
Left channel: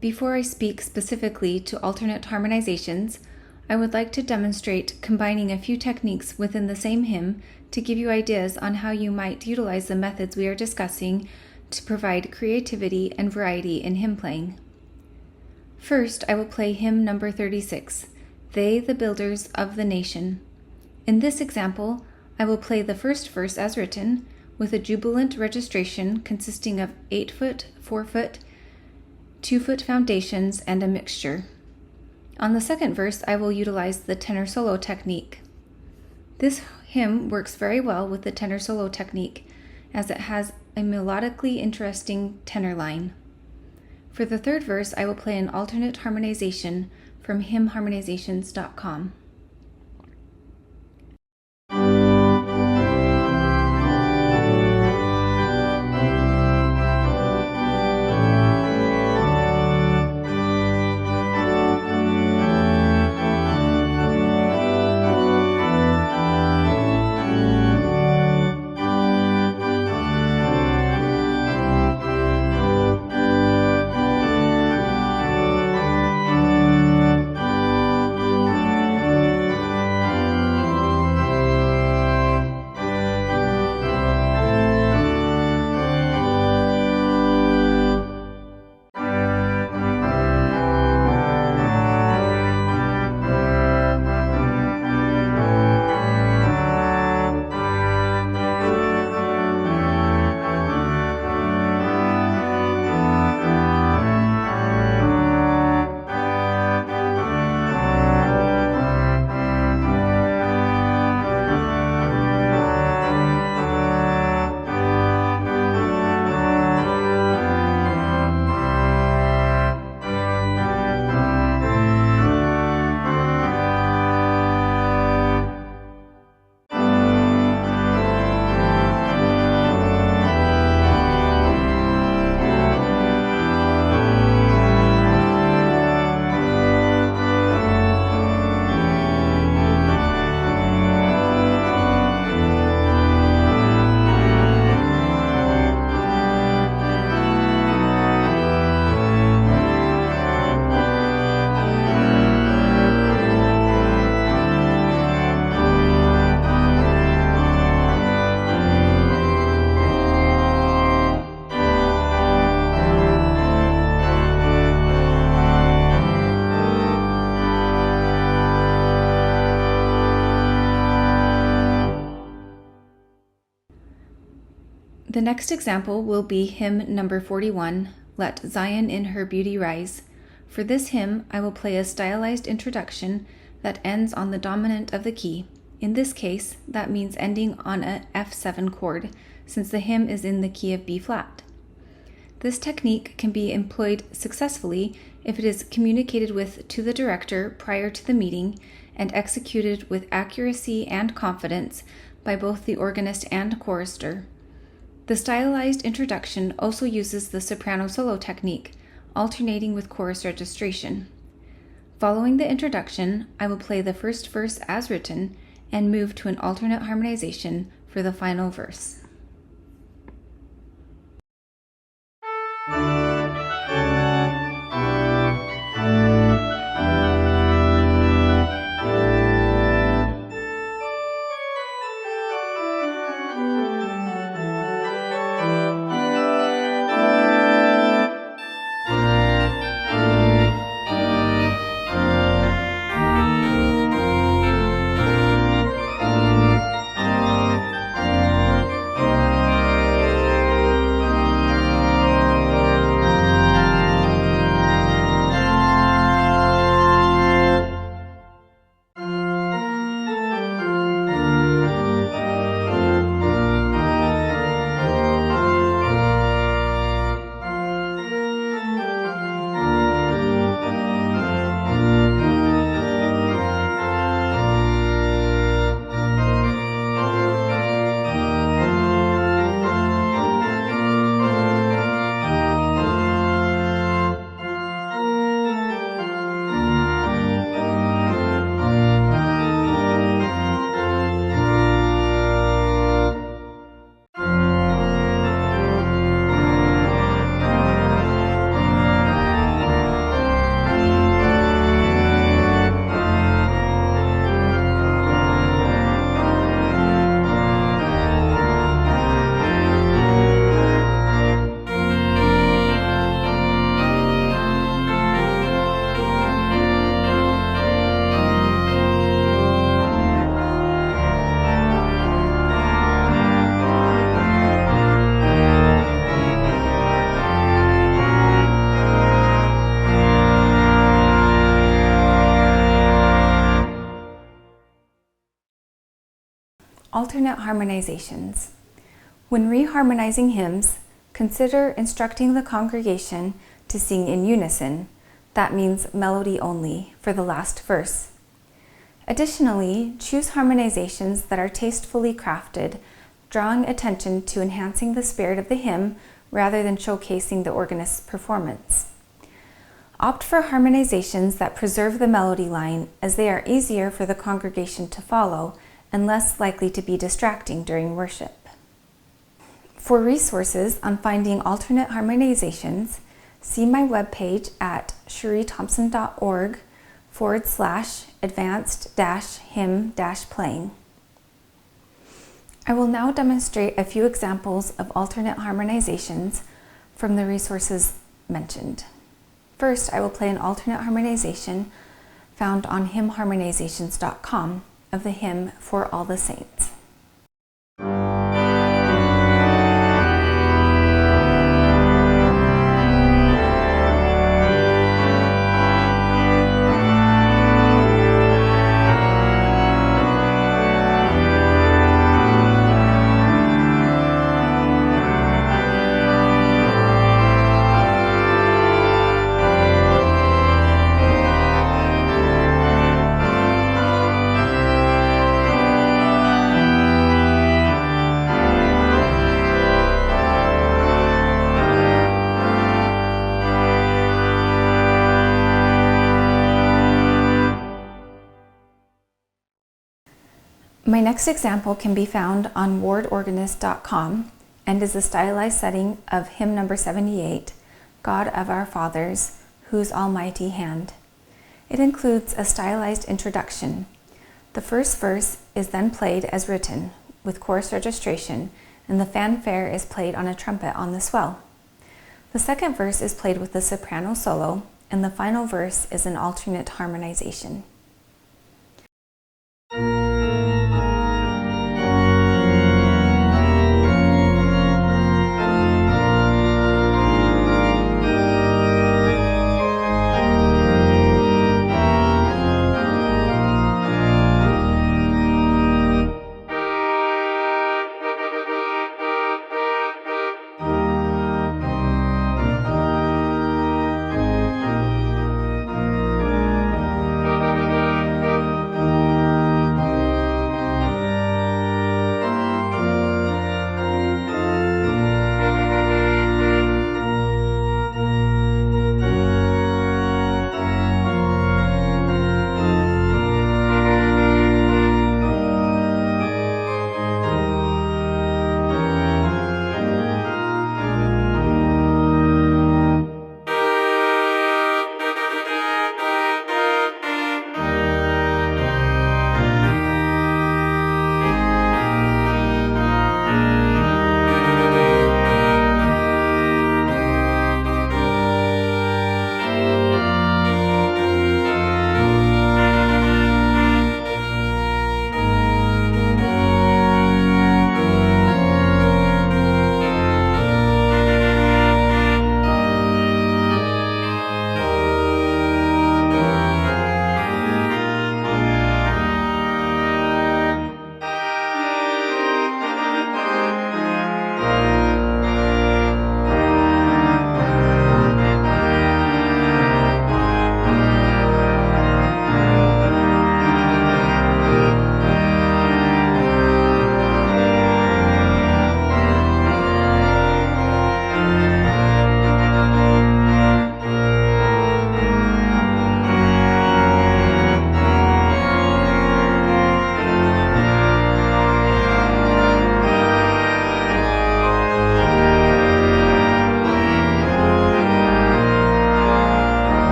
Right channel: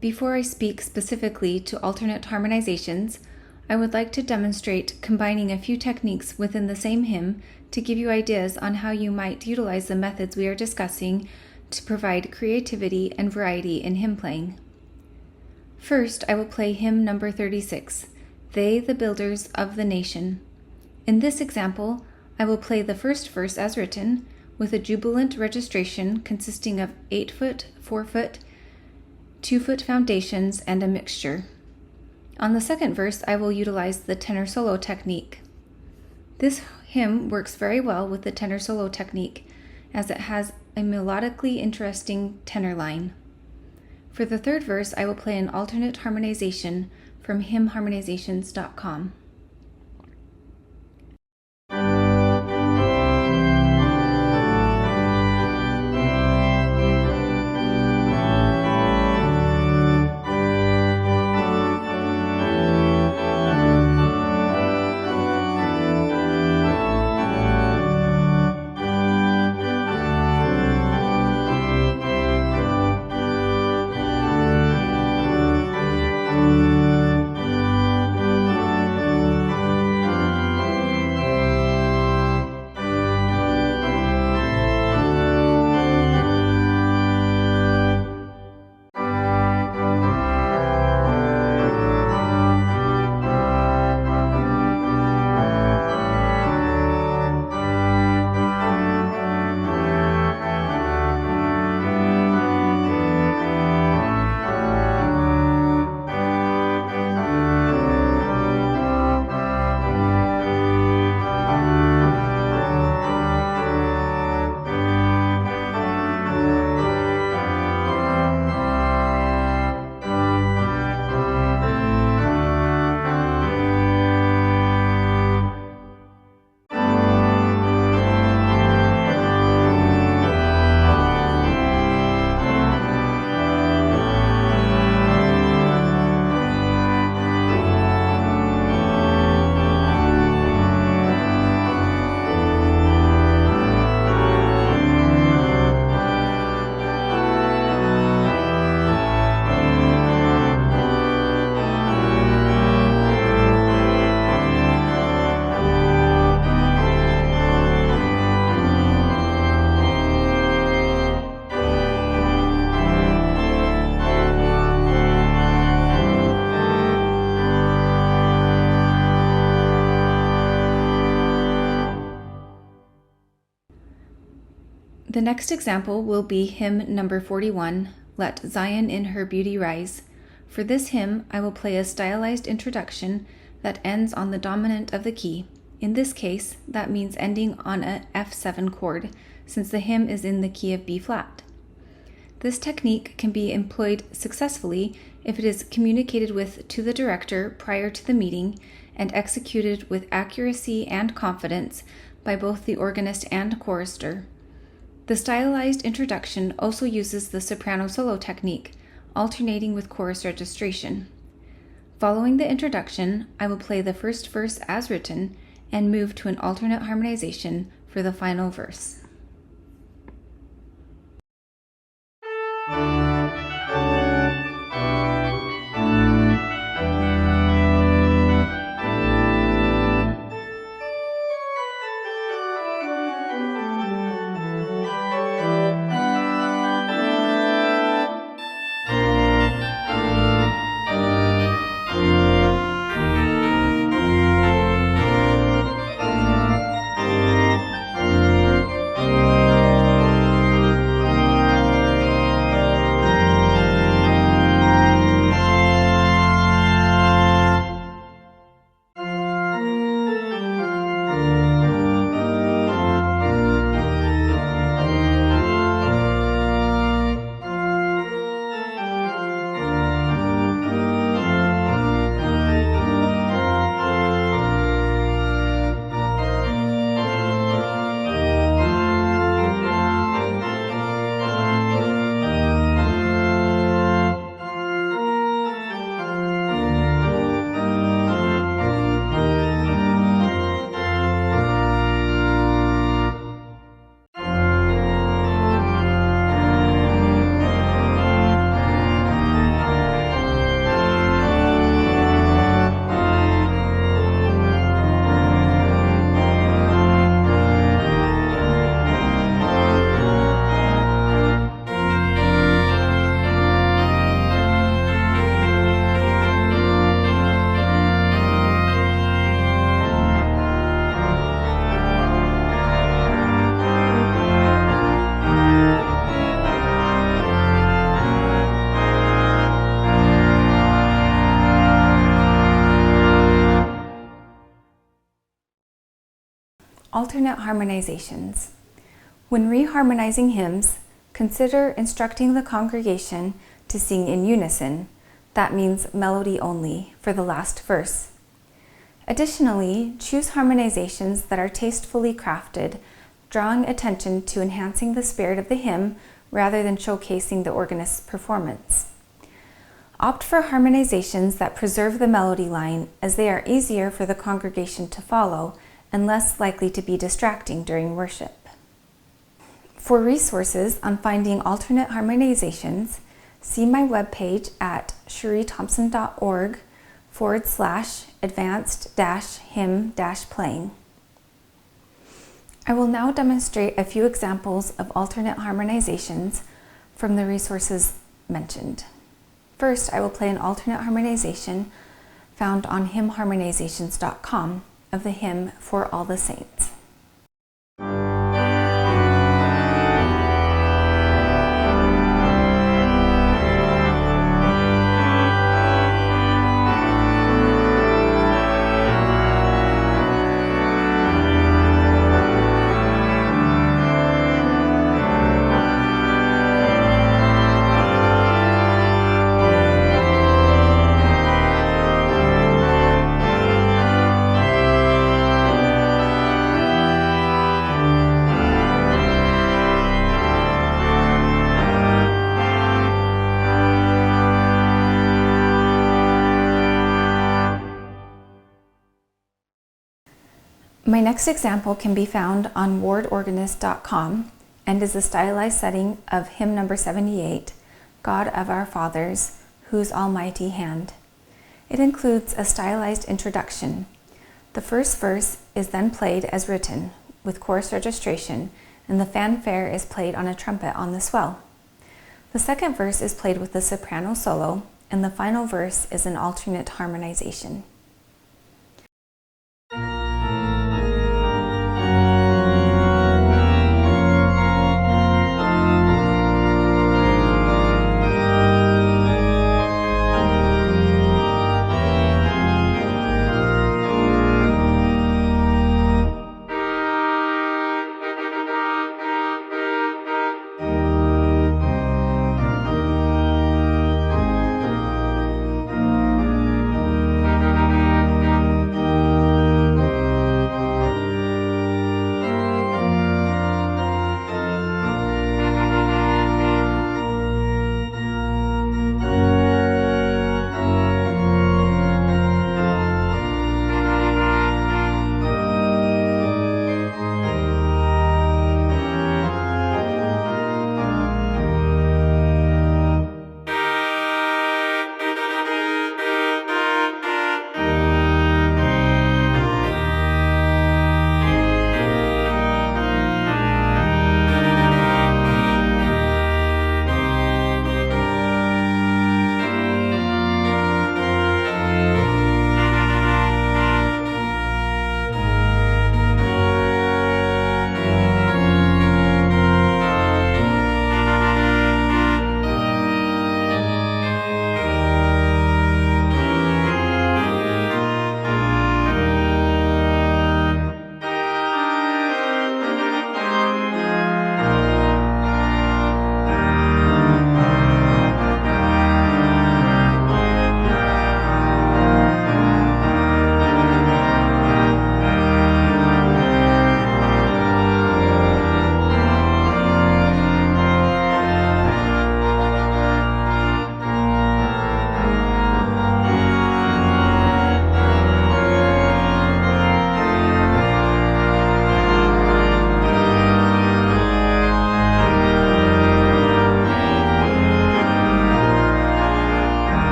Before I speak specifically to alternate harmonizations, I would like to demonstrate combining a few techniques within the same hymn to give you ideas on how you might utilize the methods we are discussing to provide creativity and variety in hymn playing. First, I will play hymn number 36, They the Builders of the Nation. In this example, I will play the first verse as written, with a jubilant registration consisting of 8-foot, 4-foot, 2-foot foundations, and a mixture. On the second verse, I will utilize the tenor solo technique. This hymn works very well with the tenor solo technique, as it has a melodically interesting tenor line. For the third verse, I will play an alternate harmonization from hymnharmonizations.com. The next example will be hymn number 41, Let Zion in Her Beauty Rise. For this hymn, I will play a stylized introduction that ends on the dominant of the key. In this case, that means ending on a F7 chord, since the hymn is in the key of B flat. This technique can be employed successfully if it is communicated with to the director prior to the meeting and executed with accuracy and confidence by both the organist and chorister. The stylized introduction also uses the soprano solo technique, alternating with chorus registration. Following the introduction, I will play the first verse as written and move to an alternate harmonization for the final verse. Alternate harmonizations. When reharmonizing hymns, consider instructing the congregation to sing in unison, that means melody only, for the last verse. Additionally, choose harmonizations that are tastefully crafted, drawing attention to enhancing the spirit of the hymn rather than showcasing the organist's performance. Opt for harmonizations that preserve the melody line, as they are easier for the congregation to follow and less likely to be distracting during worship. For resources on finding alternate harmonizations, see my webpage at sherrythompson.org/advanced-hymn-playing. I will now demonstrate a few examples of alternate harmonizations from the resources mentioned. First, I will play an alternate harmonization found on hymnharmonizations.com of the hymn For All the Saints. My next example can be found on wardorganist.com and is a stylized setting of hymn number 78, God of Our Fathers, Whose Almighty Hand. It includes a stylized introduction. The first verse is then played as written, with chorus registration, and the fanfare is played on a trumpet on the swell. The second verse is played with the soprano solo, and the final verse is an alternate harmonization.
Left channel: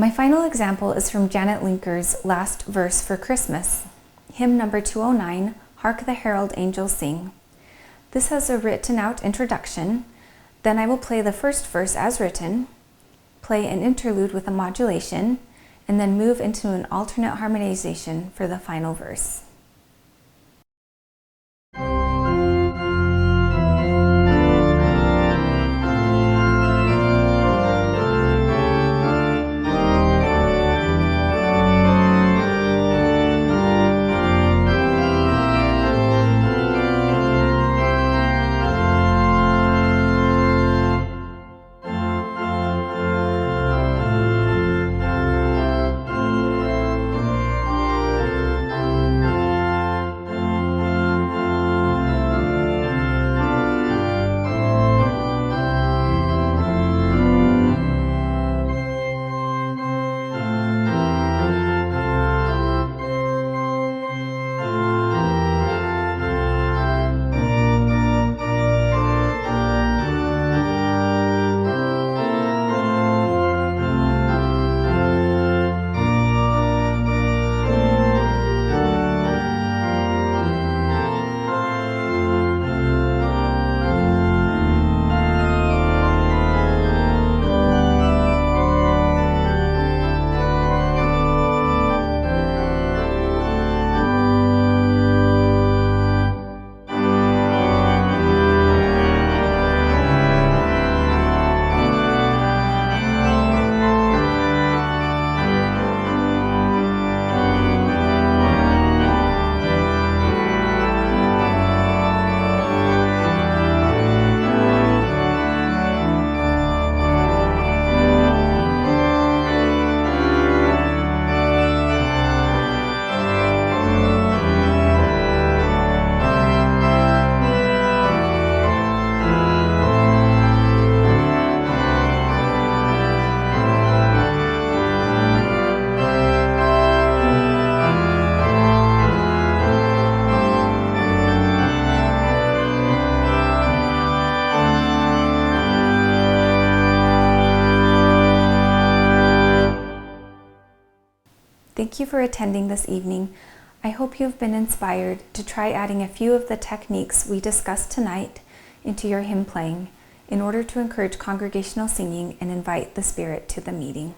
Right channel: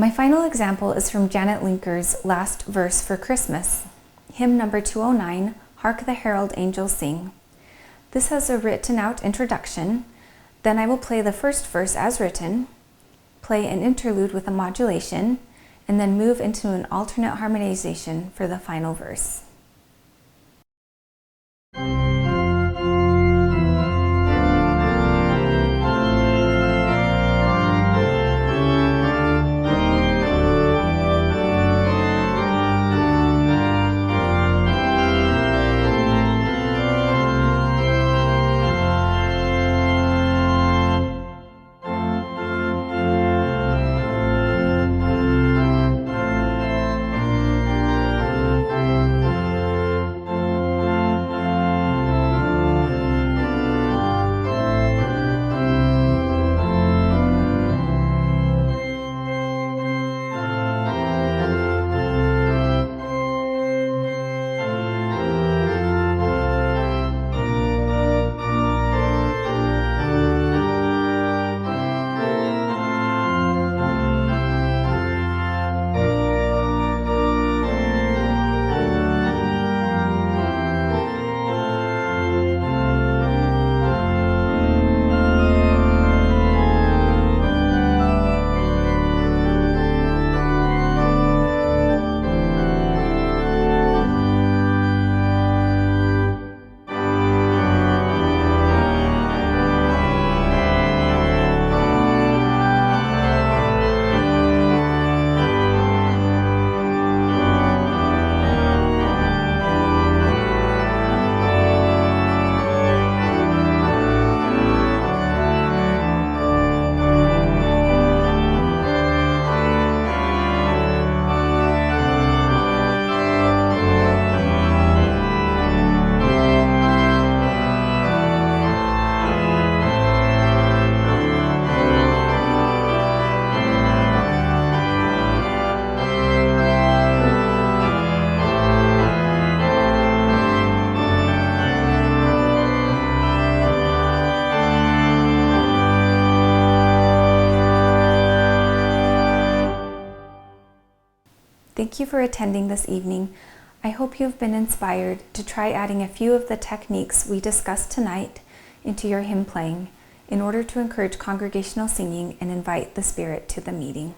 My final example is from Janet Linker's Last Verse for Christmas, hymn number 209, Hark the Herald Angels Sing. This has a written out introduction, then I will play the first verse as written, play an interlude with a modulation, and then move into an alternate harmonization for the final verse. Thank you for attending this evening. I hope you have been inspired to try adding a few of the techniques we discussed tonight into your hymn playing in order to encourage congregational singing and invite the Spirit to the meeting.